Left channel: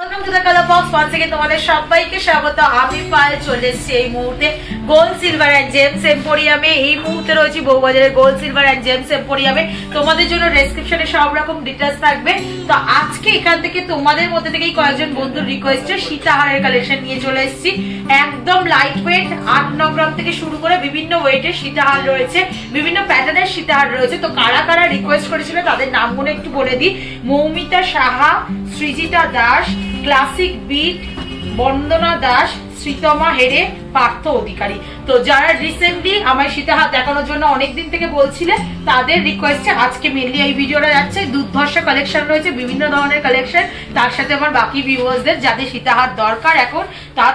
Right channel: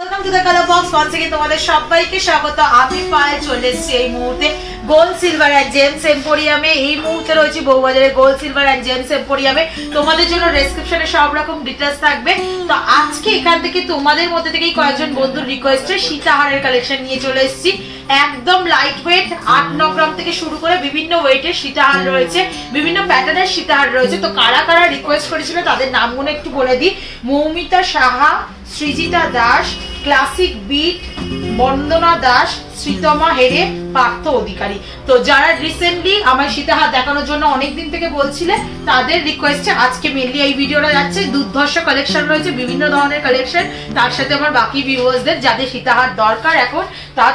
Welcome to the colour box. Once again তোমাদের সবাইকে স্বাগত। আমি পায়ে চলে এসেছি এই মুহূর্তে গোল্ড সিলভার এন্ড জেমস এম্পোরিয়ামে। এই মুহূর্তে রয়েছে বউবাজারে গোল্ড সিলভার এন্ড জেমস এম্পোরিয়ামে। তোমাদের জন্য ডেসক্রিপশনে সব রকম ডিটেইলস থাকবে। তো আজকে এখান থেকে তোমাদের মধ্যে থেকেই কয়েকজন বন্ধুর রিকোয়েস্টে সীতাহারের কালেকশন নিয়ে চলে এসেছি। একদম লাইট ওয়েট 8-9 গ্রাম থেকে শুরু করে বিভিন্ন ওয়েটের সীতাহার রয়েছে, বিভিন্ন প্যাটার্নের সীতাহার রয়েছে। তো কারা কারা রিকোয়েস্ট করেছিল তাদের নামগুলো একটু বলে দিই। মৌমিতা সাহা, সৃজিতা দাস, ক্লাসিক বিট, বন্দনা দাস, শ্রীতমা হেরে, পার্থ অধিকারী। তো যারা রিসেন্টলি আমার সীতাহার দেখানোর জন্য অনেকদিন থেকে বলছিলে তাদের রিকোয়েস্টে আজকে মেনলি এই ভিডিওটা যাচ্ছে। দুর্ধর্ষ কালেকশন রয়েছে, বিভিন্ন ধরনের কালেকশন। তার সাথে আমার বাকি ভিউয়ার্সদের যাদের সীতাহার দরকার এখন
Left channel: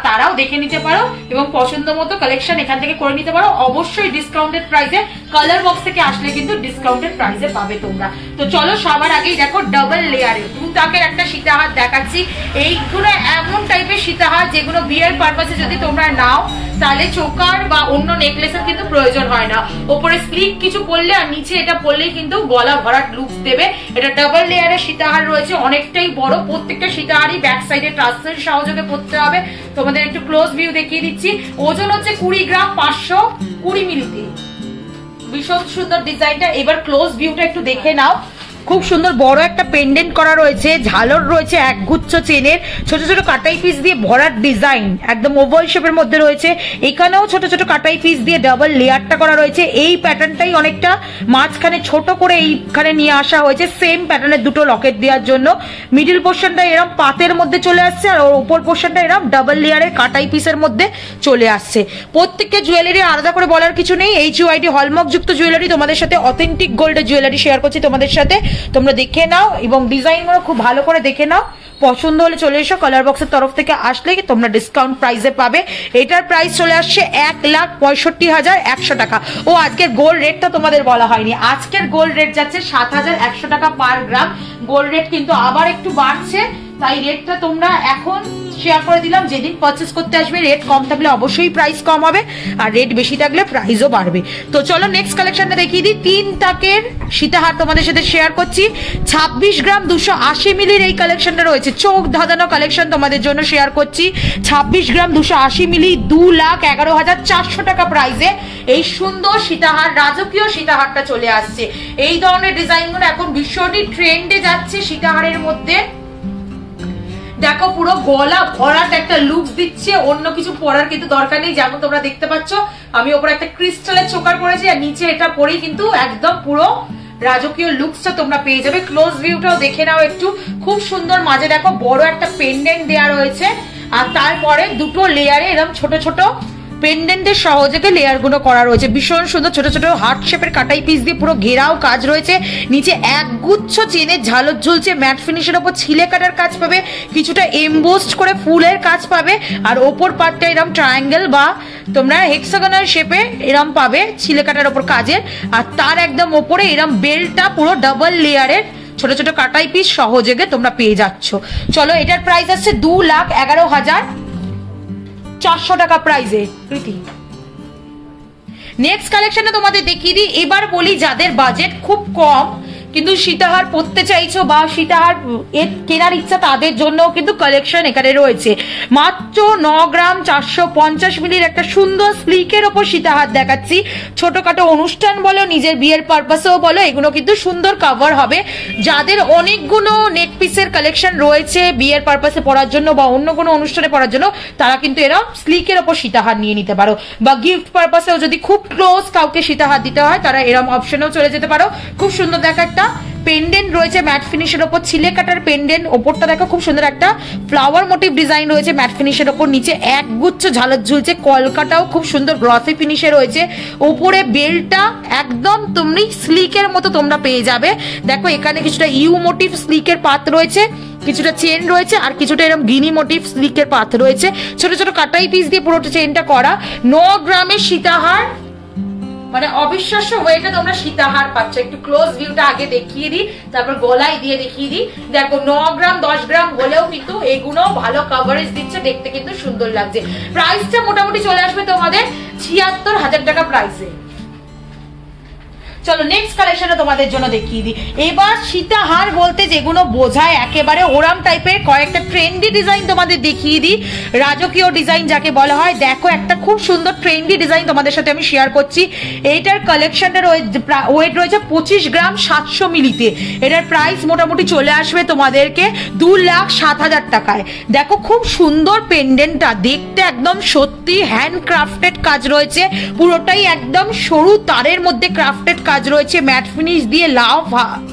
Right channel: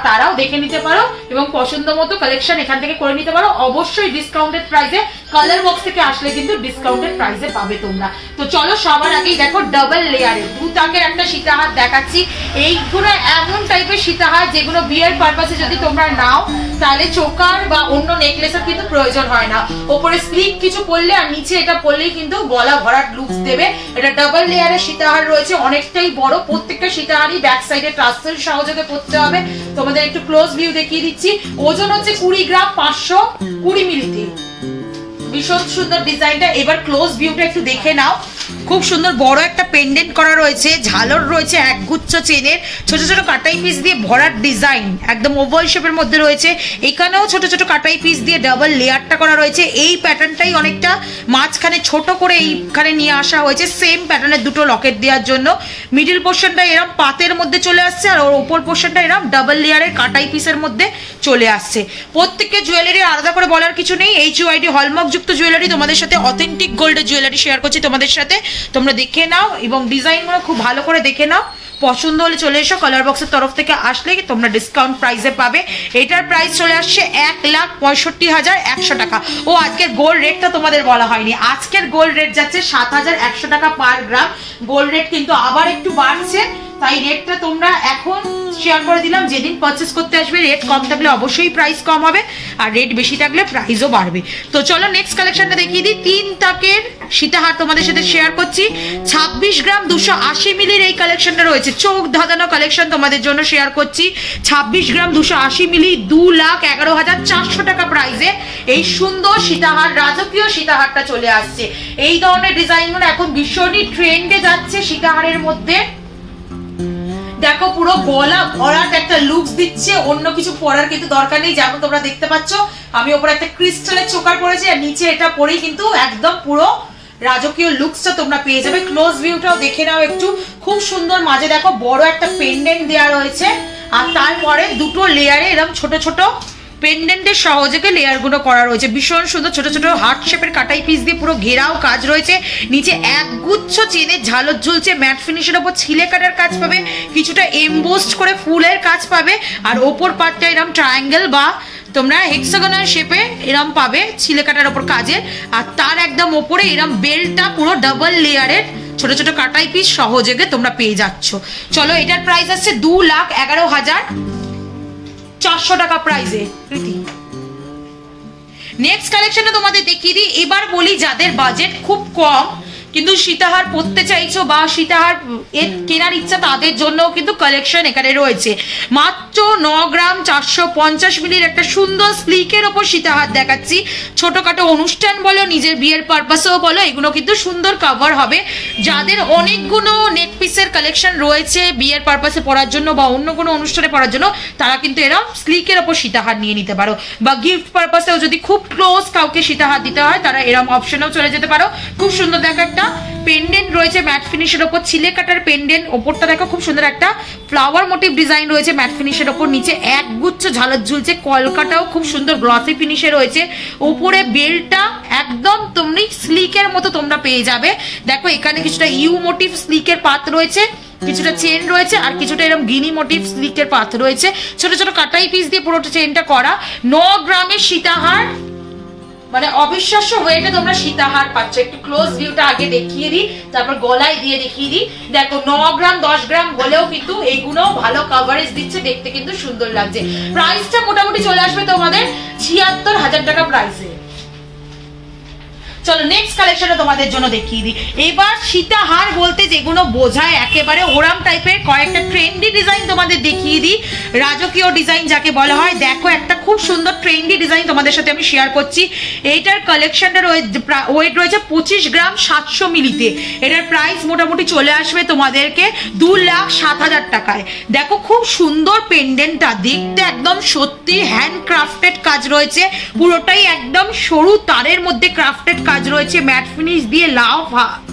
তারাও দেখে নিতে পারো এবং পছন্দ মতো কালেকশন এখান থেকে করে নিতে পারো। অবশ্যই ডিসকাউন্টেড প্রাইসে, কালার বক্স থেকে আসলে কিন্তু ডিসকাউন্টেড প্রাইসে পাবে তোমরা। তো চলো সবার আগেই দেখো ডাবল লেয়ারের দুতাকের একটা সীতাহার দেখাচ্ছি। এইগুলো এমন টাইপের সীতাহার যেগুলো বিয়ের পারপাসে যদি তোমরা নাও তাহলে চোকার বা অন্য নেকলেসের কিন্তু প্রয়োজন হয় না। ওপরে স্লিক কিছু পরলে আর নিচে এটা পরলেই কিন্তু গলা ভরাট লুকস দেবে। এটা ডাবল লেয়ারের সীতাহার রয়েছে, অনেকটাই বড়। প্রত্যেকটা সীতাহারই ব্যাক সাইডে ট্রাসেল সহযোগে পড়তে হবে। তোমাদের একটু ক্লোজ ভিউ দেখিয়ে দিচ্ছি। ওজন হচ্ছে 20 গ্রাম 520 মিলিতে। ভীষণ সুন্দর ডিজাইনটা। এবার ক্লোজ ভিউটা একটু দেখে নাও। খুব সুন্দর বড় একটা পেন্ডেন্ট করা রয়েছে, ঝালর রয়েছে একগুচ্ছ চেনের, ছোট ছোট কাটাই পিস দিয়ে ভরাট ডিজাইন, একদম ওভাল শেপের মধ্যে রয়েছে। এখানেও ছোট ছোট কাটাই পিস দিয়ে ডাবল লেয়ারটা করা রয়েছে। এই প্যাটার্নটাই অনেকটা মাঝখানে ছোট করে এইখানে নিয়ে আসা হয়েছে সেম প্যাটার্নের দুটো লকেট দেওয়ার জন্য। মিডিল পোর্শনটা এরকম পাতের মধ্যে চলে আসছে আর ওর উপর পোর্শনটা এরকম ডাবল লেয়ারের কাটাই পিসের মধ্যে চলে আসছে। প্রত্যেকটা জুয়েলারি আলাদা করে বলার কিছু নেই। HUID হলমার্ক যুক্ত জুয়েলারি তোমাদের সাথে, অথেন্টিক গোল্ডের জুয়েলারি শেয়ার করছি তোমাদের সাথে। তোমরা দেখে নাও এবং ডিজাইনগুলো খুব ভালো করে দেখে নাও। পছন্দ হলে চলে এসো। কালার বক্সের তরফ থেকে আসলে তোমরা ডিসকাউন্ট প্রাইসে পাবে। এটার প্রাইস চলে আসছে 1,65,100 টাকা। ও আজকের গোল্ড রেটটা তোমাদের বলা হয়নি। আজকের গোল্ড রেট যাচ্ছে 7,100 টাকা পার গ্রাম। গোল্ড রেট কিন্তু আবার একটু বাড়ছে, তাই রেটটা তোমরা এখন শেয়ার করে দিলাম। যেদিন পারচেস করতে আসবে রেট কম থাকলে অবশ্যই প্রাইস কম হবে, আর রেট বেশি থাকলে প্রাইসও বাড়বে। তো চলো নেক্সট কালেকশনটা দেখিয়ে দিই। 3 তাকের সীতাহার তোমাদের সাথে শেয়ার করছি। 26 গ্রাম 280 মিলির এই কালেকশনটা রয়েছে। চোখ ধাঁধানো কালেকশন তোমাদের জন্য শেয়ার করছি। 26 গ্রাম 280 মিলি 2,11,400 টাকা প্রাইসে এই সুন্দর সীতাহার, রাজকীয় সীতাহারটা চলে আসছে। এই ধরনের ডিজাইনগুলো এখন ভীষণই ট্রেন্ডে যাচ্ছে সীতাহারের মধ্যে। দেখো পুরো গলা ভরাট একটা লুকস দিচ্ছে, অন্য কিছু পরার কিন্তু দরকার নেই। যেমন তোমরা দেখতে পাচ্ছ আমি ওপরে একটা ক্রিস্টালের চোকার পরেছি আর নিচে এটা পরেই কিন্তু একদম পুরো রাজকীয় লুকসটা তোমরা পেয়ে যাবে। ক্লোজ ভিউটাও দেখে নাও একটু। খুব সুন্দর, মাঝে দেখো বড় একটা পেন্ডেন্ট দেওয়া রয়েছে আর তারপরে দুটো লেয়ারে এরকম ছোট ছোট পেন্ডেন্টের সহযোগে লেয়ার গুলো করা রয়েছে। ভীষণ সুন্দর ছোট ছোট হার্ট শেপের কাটাই পিস দিয়ে পুরো ঘেরাও কাজ রয়েছে। নিচে একগুচ্ছ চেনের ঝালর ঝুলছে, ম্যাট ফিনিশের ওপর ছিলে কাটার কাজ পাবে, কিছুটা এমবোসড করে ফুলের কাজ পাবে। আর ওপর পার্টটা এরকম ট্রায়াঙ্গেল বা তোমরা হেক্সাগোনাল শেপে এরম পাবে ছিলে কাটার ওপর কাজের। আর তার একদম ওপরে এরম বেল্টটা পুরো ডাবল লেয়ারের ছোট ছোট কাটাই পিস সহযোগে তোমরা পেয়ে যাচ্ছ। চলো এটার প্রাইস আছে 2,11,400 টাকা প্রাইসে। নেক্সট কালেকশনে তোমাদের দেখিয়ে দিই। এবার বলি যাদের বাজেট খুব কম কিন্তু সীতাহার পরতে চাইছো বা সীতাহার কেনার ইচ্ছা তাদের জন্য কিন্তু কালেকশন এখানে রয়েছে। মাত্র 9 গ্রাম 450 মিলির একটা সুন্দর স্লিকের ওপর সীতাহার দেখাচ্ছি। ছোটখাটো অনুষ্ঠান বলো, নিজের বিয়ের পারপাসেও বলো, এগুলো কিন্তু সুন্দর কভার হবে। যাদের অনেকগুলো নেক পিসের কালেকশন রয়েছে বিয়ের পারপাসে পরার জন্য বা অন্য কোনো অনুষ্ঠানে পরার জন্য, তারা কিন্তু এরকম স্লিকের ওপর সীতাহার নিয়ে নিতে পারো। বা গিফট পারপাসেও যদি খুব ক্লোজ কাউকে সীতাহার দিতে হয় তারা এরকম অপশনেও চলে যেতে পারো। খুব সুন্দর দেখা একটা পেন্ডেন্ট রয়েছে ম্যাট ফিনিশের ওপর, ছিলে কাটার পেন্ডেন্ট। ওপরটা দেখো খুব সুন্দর একটা ফ্লাওয়ার মোটিভ ডিজাইন রয়েছে ম্যাট ফিনিশের ওপর। নিচে একগুচ্ছ ঝালর ঝুলছে, কলকাটাও খুব সুন্দর গ্লসি ফিনিশে রয়েছে। উপরে বেল্টটা একদম তুমি স্লিকের মতো তোমরা পেয়ে যাবে। দেখো এখানে কিছুটা ইউ মোটিভ স্লিকের পাত রয়েছে, কিছুটা চেন রয়েছে আর কিছুটা এরকম গিনি মোটিভ স্লিকের পাত রয়েছে। ছোট ছোট কাটাই পিস দিয়ে পুরোটা চেনটা করা। 9 গ্রামের সীতাহার, মানে অবিশ্বাস্য ওয়েটে তোমরা সীতাহার পাচ্ছ। একটু ক্লোজ ভিউটা আগে দেখিয়ে দিই, তারপর গলায় দিয়ে দেখিয়ে দিই। দেখো 9 গ্রাম 10 গ্রাম হলেও কিন্তু এগুলো ভালো কভারেজ দিচ্ছে, দেখতে কিন্তু সুন্দর লাগছে। প্রাইসটা মোটামুটি চলে আসবে তোমাদের 76,000 টাকা প্রাইসে। চলো নেক্সট কালেকশনে তোমাদের জন্য দেখিয়ে দিই। এবার সীতাহার বলতে যেগুলো বোঝায় একেবারে ওরাম টাইপের কয়েকটা ট্রেন্ডি ডিজাইন তোমাদের দেখিয়ে দিই, রাজকীয় ডিজাইন যাকে বলা হয়। দেখো একটা খুব সুন্দর ট্রেন্ডি ডিজাইন তোমাদের সাথে আমি শেয়ার করছি। এইটার কালেকশনটা ওয়েট রয়েছে 25 গ্রাম 700 মিলিতে। এটার প্রাইস মোটামুটি চলে আসবে তোমাদেরকে 2,07,000 টাকায়। দেখো খুব সুন্দর পেন্ডেন্টটা, দেখতে একদম সত্যি হ্যান্ড ক্রাফটেড কাজ রয়েছে, পুরোটাই একদম সরু তারের মধ্যে ক্রাফটেড কাজ রয়েছে, ম্যাট ফিনিশ দিয়ে লাভ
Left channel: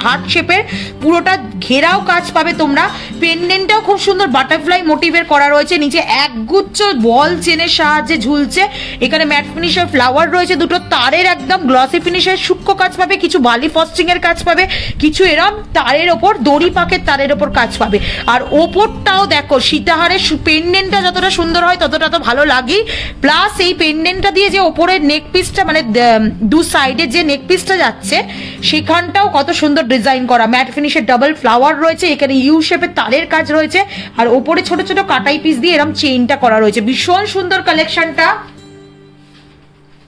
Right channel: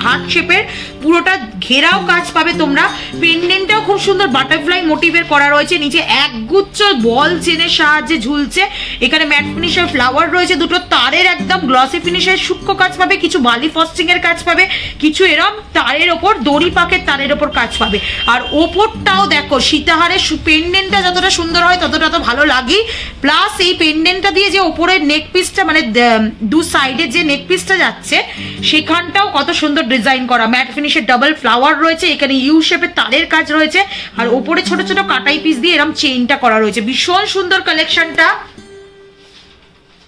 হার্ট শেপের পুরোটা ঘেরাও কাজ পাবে তোমরা। পেন্ডেন্টটাও খুব সুন্দর বাটারফ্লাই মোটিভের করা রয়েছে, নিচে একগুচ্ছ বল চেনের সাহায্যে ঝুলছে। এখানে ম্যাট ফিনিশের ফ্লাওয়ার রয়েছে, দুটো তারের একদম গ্লসি ফিনিশের সূক্ষ্ম কাজ পাবে, কিছু বালি ফস্টিং এর কাজ পাবে, কিছু এরম তারের ওপর দড়ি পাকের তারের ওপর কাজ পাবে। আর ওপরটাও দেখো সীতাহারের পেন্ডেন্টটা যতটা সুন্দর হয় ততটা তো ভালো লাগে, প্লাস এই পেন্ডেন্টটা দিয়ে যে ওপরের নেক পিসটা মানে দু সাইডে যে নেক পিসটা যাচ্ছে সেখানটাও কত সুন্দর ডিজাইন করা, ম্যাট ফিনিশের ডাবল ফ্লাওয়ার রয়েছে, এখানে ইউ শেপের তারের কাজ রয়েছে, আর ওপরে ছোট ছোট কাটাই পিস দিয়ে এরকম চেইনটা করা রয়েছে। ভীষণ সুন্দর কালেকশনটা।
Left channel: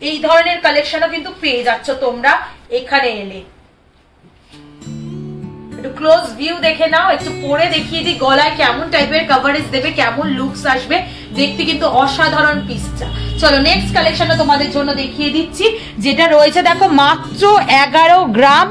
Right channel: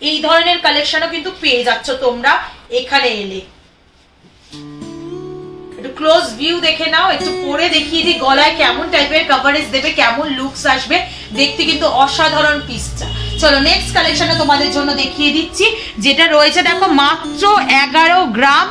এই ধরনের কালেকশনও কিন্তু পেয়ে যাচ্ছ তোমরা এখানে এলে। একটু ক্লোজ ভিউ দেখে নাও, একটু পরে দেখিয়ে দিই গলায় কেমন টাইপের কভারেজ দেবে, কেমন লুকস আসবে, দেখতে কিন্তু অসাধারণ পিসটা। চলো নেক্সট কালেকশনটা তোমাদের জন্য দেখিয়ে দিচ্ছি, যেটা রয়েছে দেখো মাত্র 11 গ্রাম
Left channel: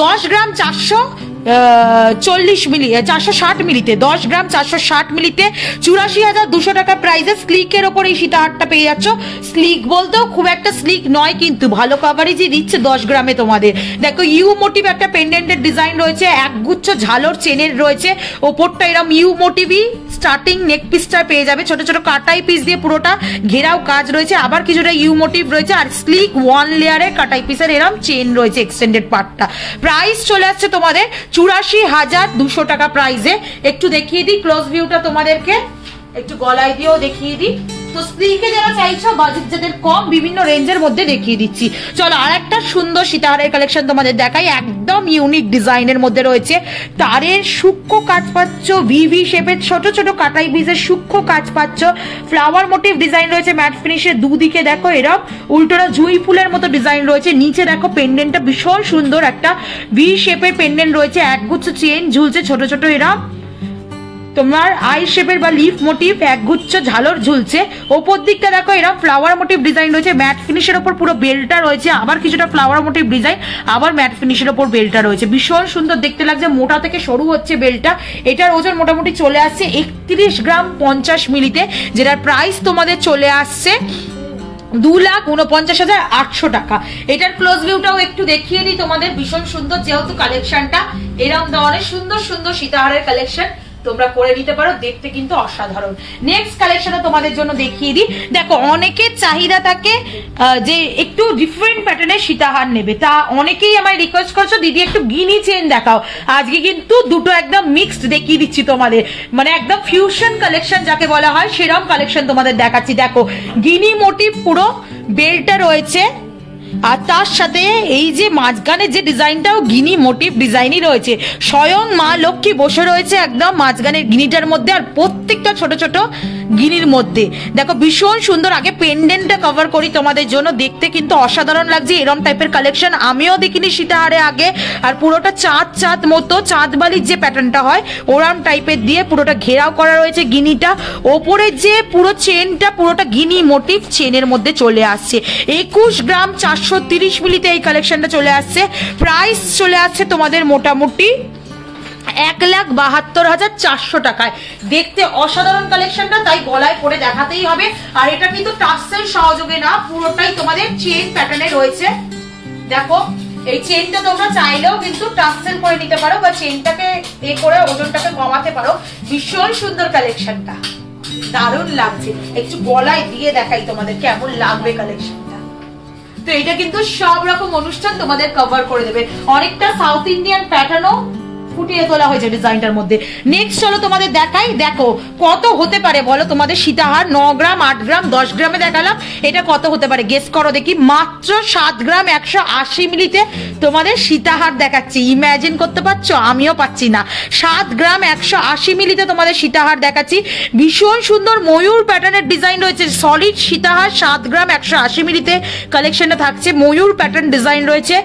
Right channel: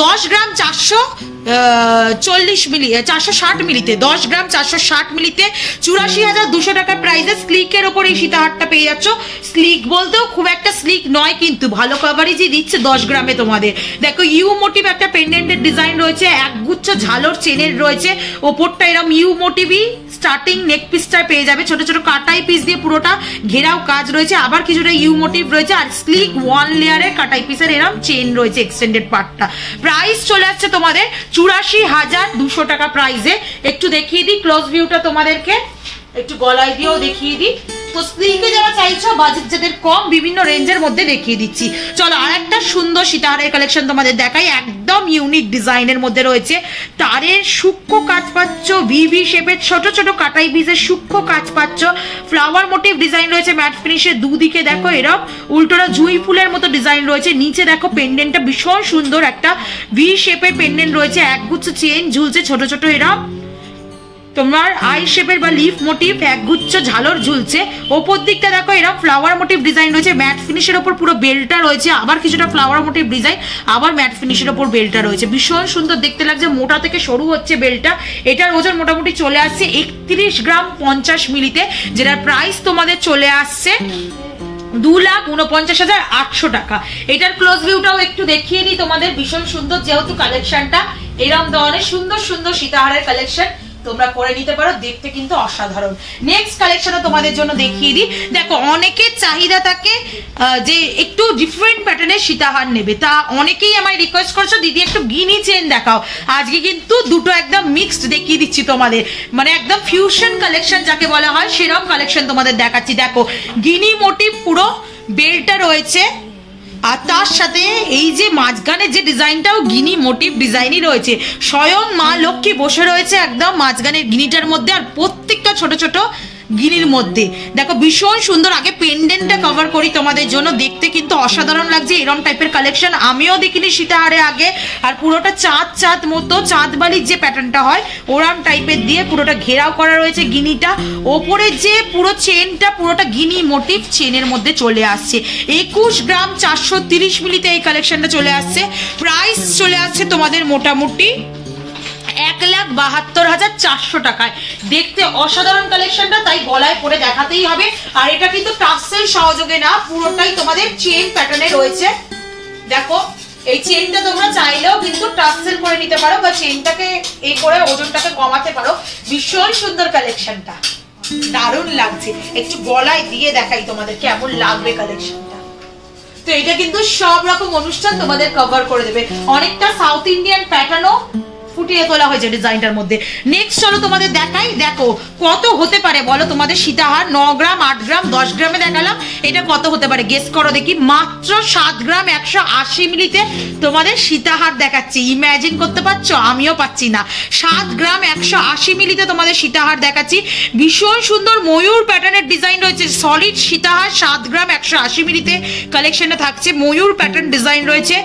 10 গ্রাম 440 মিলি 460 মিলিতে, 10 গ্রাম 460 মিলিতে 84,200 টাকা প্রাইসে স্লিকের ওপর এই সীতাহারটা পেয়ে যাচ্ছ। স্লিক বলতেও খুব একটা স্লিক নয়, কিন্তু ভালো কভারেজই দিচ্ছে 10 গ্রামে তোমাদের। দেখো ইউ মোটিভ একটা পেন্ডেন্টের ডিজাইন রয়েছে, একগুচ্ছ ঝালর চেনের রয়েছে, ওপরটা এরকম ইউ মোটিভই স্টার্টিং নেক পিসটা পেয়ে যাবে, ছোট ছোট কাটাই পিস দিয়ে পুরোটা ঘেরাও কাজ রয়েছে, আবার কিছুটা ইউ মোটিভ রয়েছে, আর স্লিক 1 লেয়ারের কাটাই পিসের এরকম চেন রয়েছে এক্সটেন্ডেড পার্টটা। প্রাইস চলে আসছে তোমাদের 84,200 টাকা প্রাইসে। একটু দেখিয়ে দিই ক্লোজ ভিউটা তোমাদেরকে, একটু গলায় দিয়েও দেখিয়ে দিই। তো স্লিকে যারা চাইছো, বাজেট যাদের কম, বিভিন্ন রেঞ্জের মধ্যে দেখিয়ে দিচ্ছি। চলো আর একটা সুন্দর সীতাহারের কালেকশন তোমাদের দেখাই, একদম ইউনিক ডিজাইনের মধ্যে রয়েছে, তারের সূক্ষ্ম কাজ পাচ্ছ, ভিভি শেপের ছোট ছোট কাটাই পিসের সূক্ষ্ম কাজ পাচ্ছ, ফ্লাওয়ার মোটিভ ডিজাইন রয়েছে, ম্যাট ফিনিশের দুদিকে দেখো এরকম উল্টোটা জুঁই ফুলের মতো ডিজাইন রয়েছে, নিচে দেখো পেন্ডেন্টটা ভীষণ সুন্দর একটা ভি শেপের পেন্ডেন্ট রয়েছে, একগুচ্ছ চেন ঝুলছে ছোট ছোট এরকম তোমার আই শেপের বা লিফ মোটিভ, একগুচ্ছ ঝালর ঝুলছে, ওপর দিকটা দেখো এরকম ফ্লাওয়ার মোটিভ ডিজাইন রয়েছে, ম্যাট ফিনিশের ওপর পুরো বেলটা রয়েছে, আবার কিছুটা ফ্লাওয়ার মোটিভ ডিজাইন, আবার ম্যাট ফিনিশের ওপর বেলটা রয়েছে, ভীষণ সুন্দর দেখতে লাগছে, মোটা থেকে সরু হচ্ছে বেলটা। এটার ওজন মোটামুটি চলে আসছে 31 গ্রাম 50 মিলিতে, যেটার প্রাইস তোমাদের চলে আসছে 2,49,800 টাকা। এটার ক্লোজ ভিউটাও একটু দেখিয়ে নিই তোমাদের, ভীষণ সুন্দর, যেহেতু কালেকশনটা এরকম ধরনের সুন্দর সুন্দর সীতাহারের কালেকশন তোমরা করে নিতে পারো, দেখতে কিন্তু অসাধারণ। নেক্সট কালেকশনও তোমাদের জন্য দেখিয়ে দিই। দেখো অনেকের চাহিদা থাকে যে একটু ডিফারেন্ট প্যাটার্নের সীতাহার নেবে, তা অনেকেই আমায় রিকোয়েস্ট করছো দিদি একটু গিনি চেন দেখাও। আজকে কিন্তু দুটো একদম মিক্সড দেখিয়ে দিচ্ছি তোমাদের, মানে একদম ফিউশন কালেকশন যাকে বলা হয় সেরকম কালেকশন তোমাদের দেখাচ্ছি। দেখো গিনি মোটিভ পুরো বেলটা রয়েছে, আর তার সাথে এই যে মাঝখানে যে ডিজাইনটাও গিনি মোটিভ ডিজাইনই রয়েছে, স্বয়ং মা লক্ষ্মী বসে রয়েছে একদম মাঝখানের গিনিটার মধ্যে, আর প্রত্যেকটা ছোট ছোট গিনির মধ্যে দেখো ভীষণ সুন্দর। আগে পেন্ডেন্টটা কভার করি তোমাদের জন্য, দেখতে কিন্তু অসাধারণ লাগছে। এরকম টাইপের কালেকশন আমিও দেখিনি সীতাহারে আগে, আর পুরোটা চাঁদ চাঁদ মতো চাঁদ বালির যে প্যাটার্নটা হয় ওরাম টাইপের দিয়ে পুরোটা ঘেরাও করা রয়েছে গিনিটা, ওপরে যে পুরো চেনটা পুরোটা গিনি মোটিভ চেনের মধ্যে চলে আসছে। 21 গ্রাম 430 মিলিতে এই কালেকশনটা চলে আসছে। প্রাইস চলে আসছে তোমাদের মোটামুটি 1,72,400 টাকায়। দেখতে অসাধারণ কালেকশনটা, তাই গলায় পরে দেখাতেই হবে। আর এটা কিন্তু টাসেল সহযোগে না, পুরোটাই তোমাদের চেন প্যাটার্নে রয়েছে। দেখো এই চেনটা তোমরা চাইলেও কিন্তু টাসেল করে নিতে পারো, বা চেনটাকে এ করে ওজনটাকে কমাতে পারো। ভীষণ সুন্দর কালেকশনটা, দারুণ লাগছে। একটু গলায় দিয়ে দেখাই তোমাদের কেমন লাগবে কালেকশনটা। তো এটা কিন্তু সব রকম অনুষ্ঠান তোমাদের কভার করে দেবে, অনেকটা সাউথ ইন্ডিয়ান প্যাটার্নও ফুটিয়ে তোলা হয়েছে ডিজাইনটার মধ্যে। নেক্সট চলো তোমাদের দেখাই, দেখো কত হতে পারে বলো তোমাদের সীতাহার। 9 গ্রাম, 8 গ্রাম, 10 গ্রামে দেখালাম, এটা কত হতে পারে গেস করো দেখি। মাত্র 7 গ্রাম 180 মিলিতে তোমাদের সীতাহার দেখাচ্ছি। ইমাজিন করতে পারছো? আমিও পাচ্ছি না। 7 গ্রাম 180 মিলিতে তোমাদের সীতাহার দেখাচ্ছি। ভীষণ সুন্দর ময়ূর প্যাটার্নের ডিজাইন রয়েছে, সলিড সীতাহার 7 গ্রাম 180 মিলিতে কালেকশনে থাকছে। ময়ূর প্যাটার্ন ডিজাইন রয়েছে,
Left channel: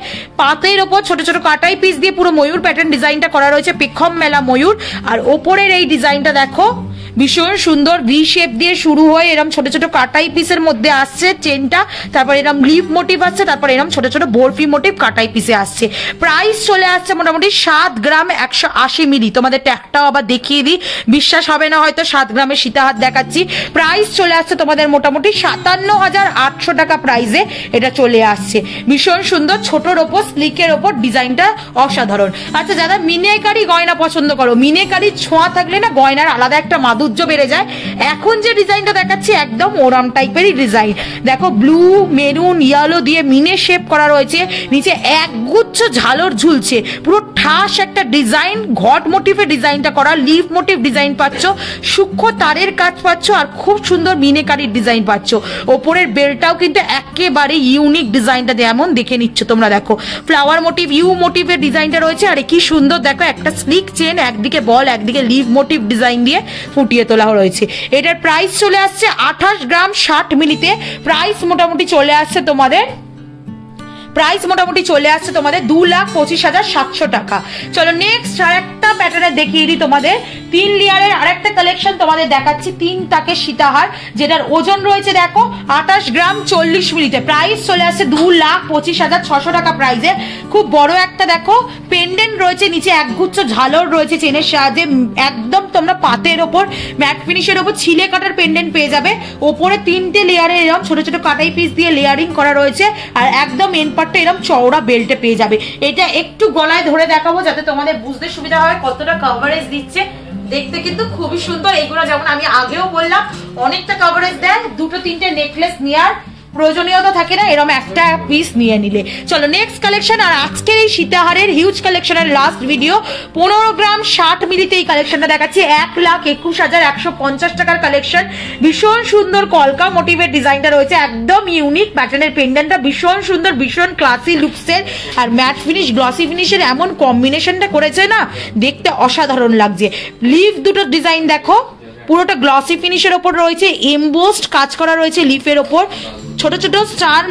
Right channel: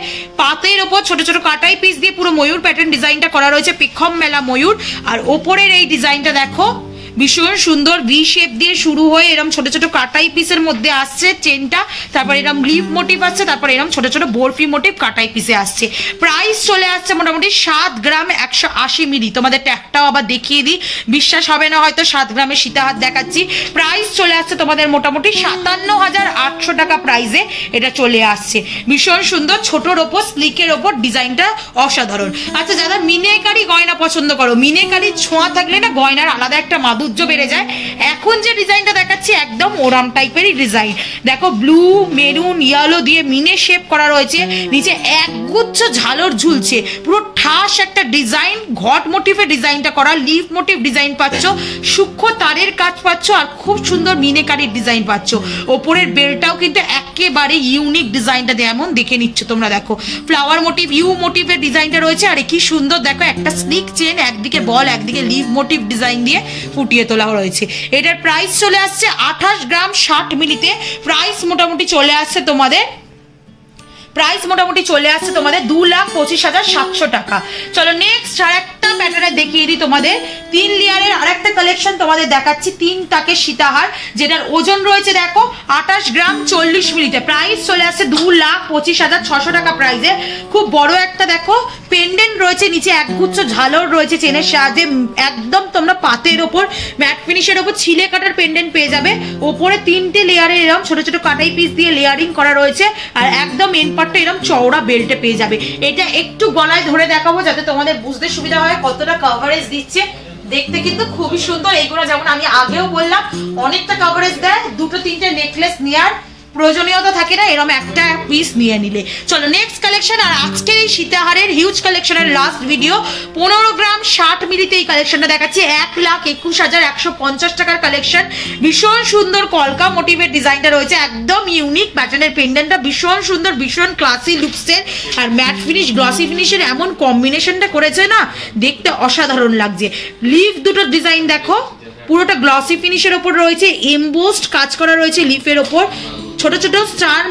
পাতের ওপর ছোট ছোট কাটাই পিস দিয়ে পুরো ময়ূর প্যাটার্ন ডিজাইনটা করা রয়েছে, পেখম মেলা ময়ূর। আর ওপরের এই ডিজাইনটা দেখো ভীষণ সুন্দর, ভি শেপ দিয়ে শুরু হয়ে এরকম ছোট ছোট কাটাই পিসের মধ্যে আসছে চেনটা, তারপর এরকম লিফ মোটিভ আসছে, তারপর এরকম ছোট ছোট বরফি মোটিভ কাটাই পিসে আসছে। প্রাইস চলে আসছে মোটামুটি 7 গ্রাম 180 মিলি। তোমাদের ট্যাগটাও আবার দেখিয়ে দিই, বিশ্বাস হবে না হয়তো 7 গ্রামের সীতাহার দেখাচ্ছি। প্রাইস চলে আসছে তোমাদের মোটামুটি 57,800 টাকা প্রাইসে এটা চলে আসছে। ভীষণ সুন্দর, ছোটর ওপর স্লিকের ওপর ডিজাইনটা অসাধারণ। আচ্ছা, যারা মিনেকারি গয়না পছন্দ করো, মিনেকারি ছোঁয়া থাকলে না গয়নার আলাদা একটা মাধুর্য বেড়ে যায়। এখন যে ডিজাইনটা দেখাচ্ছি একদম ওরাম টাইপেরই ডিজাইন। দেখো ব্লু, মেরুন, ইয়েলো দিয়ে মিনে শেপ করা রয়েছে, নিচে একগুচ্ছ ঝালর ঝুলছে, পুরো ঠাস একটা ডিজাইন। ঘট মোটিভে ডিজাইনটা করা, লিফ মোটিভ ডিজাইন পাচ্ছ, সূক্ষ্ম তারের কাজ পাচ্ছ, আর খুব সুন্দর মিনেকারির ডিজাইন পাচ্ছ। ওপরের বেলটাও কিন্তু একেবারে ইউনিক ডিজাইনটা যেমন দেখে নিচ্ছ তোমরা। দেখো ফ্লাওয়ার মোটিভ, ইউ মোটিভের ডিজাইনটা রয়েছে, আর কি সুন্দর দেখো একটা স্লিক চেন, একদিকে বল একদিকে লিভ মোটিভ ডিজাইন দিয়ে ফুটিয়ে তোলা রয়েছে। এটার প্রাইস চলে আসছে 28 গ্রাম 60 মিলিতে। প্রাইস মোটামুটি চলে আসছে তোমাদের 2,25,700 টাকা। চলো নেক্সট আরেকটা প্যাটার্নে দেখিয়ে দিই তোমাদের। 3 লেয়ারের আরেকটা কালেকশন তোমাদের দেখাচ্ছি, 3 টাকে সীতাহার, যেটার ওজন রয়েছে দেখো 28 গ্রাম 40 মিলিতে। প্রাইস চলে আসছে 2,25,600 টাকা প্রাইসে। খুব বড় একটা দেখো পেন্ডেন্ট রয়েছে, নিচে একগুচ্ছ ঝালর রয়েছে চেনের সাহায্যে, একদম তোমরা পাতের ওপর ম্যাট ফিনিশের ওপর ছিলে কাটার পেন্ডেন্ট পেয়ে যাবে। ওপরে 3টে লেয়ারে এরকম ছোট ছোট কাটাই পিস দিয়ে লেয়ারিং করা রয়েছে, আর একদম এন পার্টটা এরকম চওড়া বেল্টে পেয়ে যাবে। এটা একটু গলায় ধরে দেখাবো যাতে তোমাদের বুঝতে সুবিধা হয় কতটা কভারেজ দিচ্ছে। দেখতে কিন্তু খুবই সুন্দর। এইগুলো যেমন আমি আগেও বললাম অনেকটা কভারেজ দেয়, 2-3টে নেকলেস নেওয়ার প্রয়োজনীয়তা থাকে না, এরকম একটা পিস নিয়ে নিলে। চলো নেক্সট কালেকশন। আর আজকের এই সীতাহারের হিউজ কালেকশনের লাস্ট ভিডিও, 15 গ্রাম 60 মিলিতে এই কালেকশনটা দেখাচ্ছি। 1,21,150 টাকার কালেকশন। ভীষণ সুন্দর কলকা মোটিভের ডিজাইনটা রয়েছে, একদম ইউনিক প্যাটার্নের পেন্ডেন্টটা ভীষণ সুন্দর, ভীষণ ক্লাসি লুকসের, আর ম্যাট ফিনিশ গ্লসি ফিনিশের এমন কম্বিনেশনটা করেছে না, দেখতে অসাধারণ লাগছে। লিফ দুটো ডিজাইন দেখো, পুরোটা গ্লসি ফিনিশের ওপর রয়েছে, এমবোসড কাজ করা রয়েছে লিফের ওপর, ছোট ছোট স্টার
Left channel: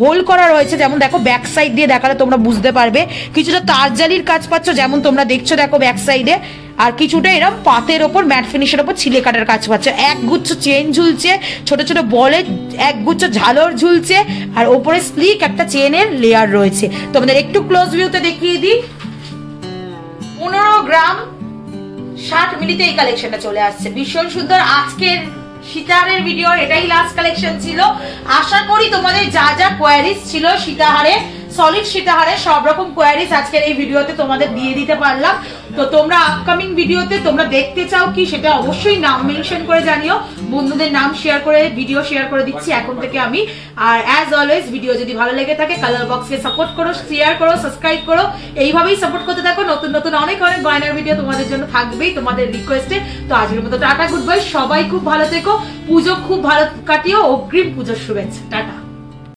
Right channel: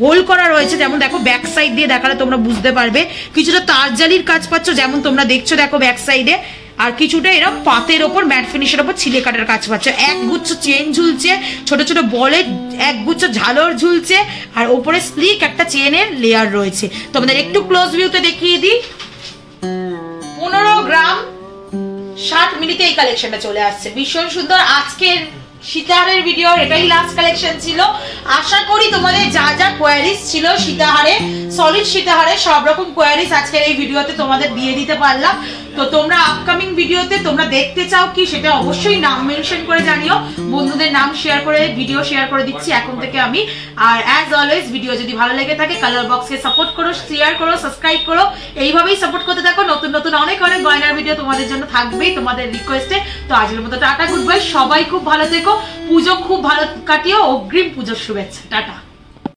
হোল করা রয়েছে, যেমন দেখো ব্যাক সাইড দিয়ে দেখালে তোমরা বুঝতে পারবে। কিছুটা তারজালির কাজ পাচ্ছ যেমন তোমরা দেখছো দেখো ব্যাক সাইডে, আর কিছুটা এরকম পাতের ওপর ম্যাট ফিনিশের ওপর ছিলে কাটার কাজ পাচ্ছ। একগুচ্ছ চেন ঝুলছে, ছোট ছোট বলে একগুচ্ছ ঝালর ঝুলছে, আর ওপরে স্লিক একটা চেনের লেয়ার রয়েছে। তোমাদের একটু ক্লোজ ভিউতে দেখিয়ে দিই। 15 গ্রাম 60 মিলিতে এই কালেকশনটা চলে আসছে। ভীষণ সুন্দর। আজকের সীতাহারের ভিডিও এটাই লাস্ট কালেকশন ছিল। আশা করি তোমাদের যা যা কোয়ারিজ ছিল সীতাহারে, সলিড সীতাহারে, সব রকম কোয়ারিজ আজকের এই ভিডিওতে তোমাদের দিয়ে দিতে পারলাম। তো তোমরা আপকামিং ভিডিওতে তোমরা দেখতে চাও কি সেটা অবশ্যই নাম মেনশন করে জানিও। বন্ধুদের নাম শেয়ার করে ভিডিও শেয়ার করে দিচ্ছি এখন থেকে আমি। আর অ্যাজ অলওয়েজ ভিডিও যদি ভালো লেগে থাকে কালার বক্সকে সাপোর্ট করো, শেয়ার করো, সাবস্ক্রাইব করো, এইভাবেই সাপোর্ট করতে থাকো। নতুন নতুন অনেক অনেক গয়নার ভিডিও তোমাদের জন্য থাকবেই তোমাদের রিকোয়েস্টে। তো আজকের মতো টাটা, গুড বাই, সবাই খুব ভালো থেকো, পুজো খুব ভালো কাটিও, অগ্রিম পুজোর শুভেচ্ছা, টাটা।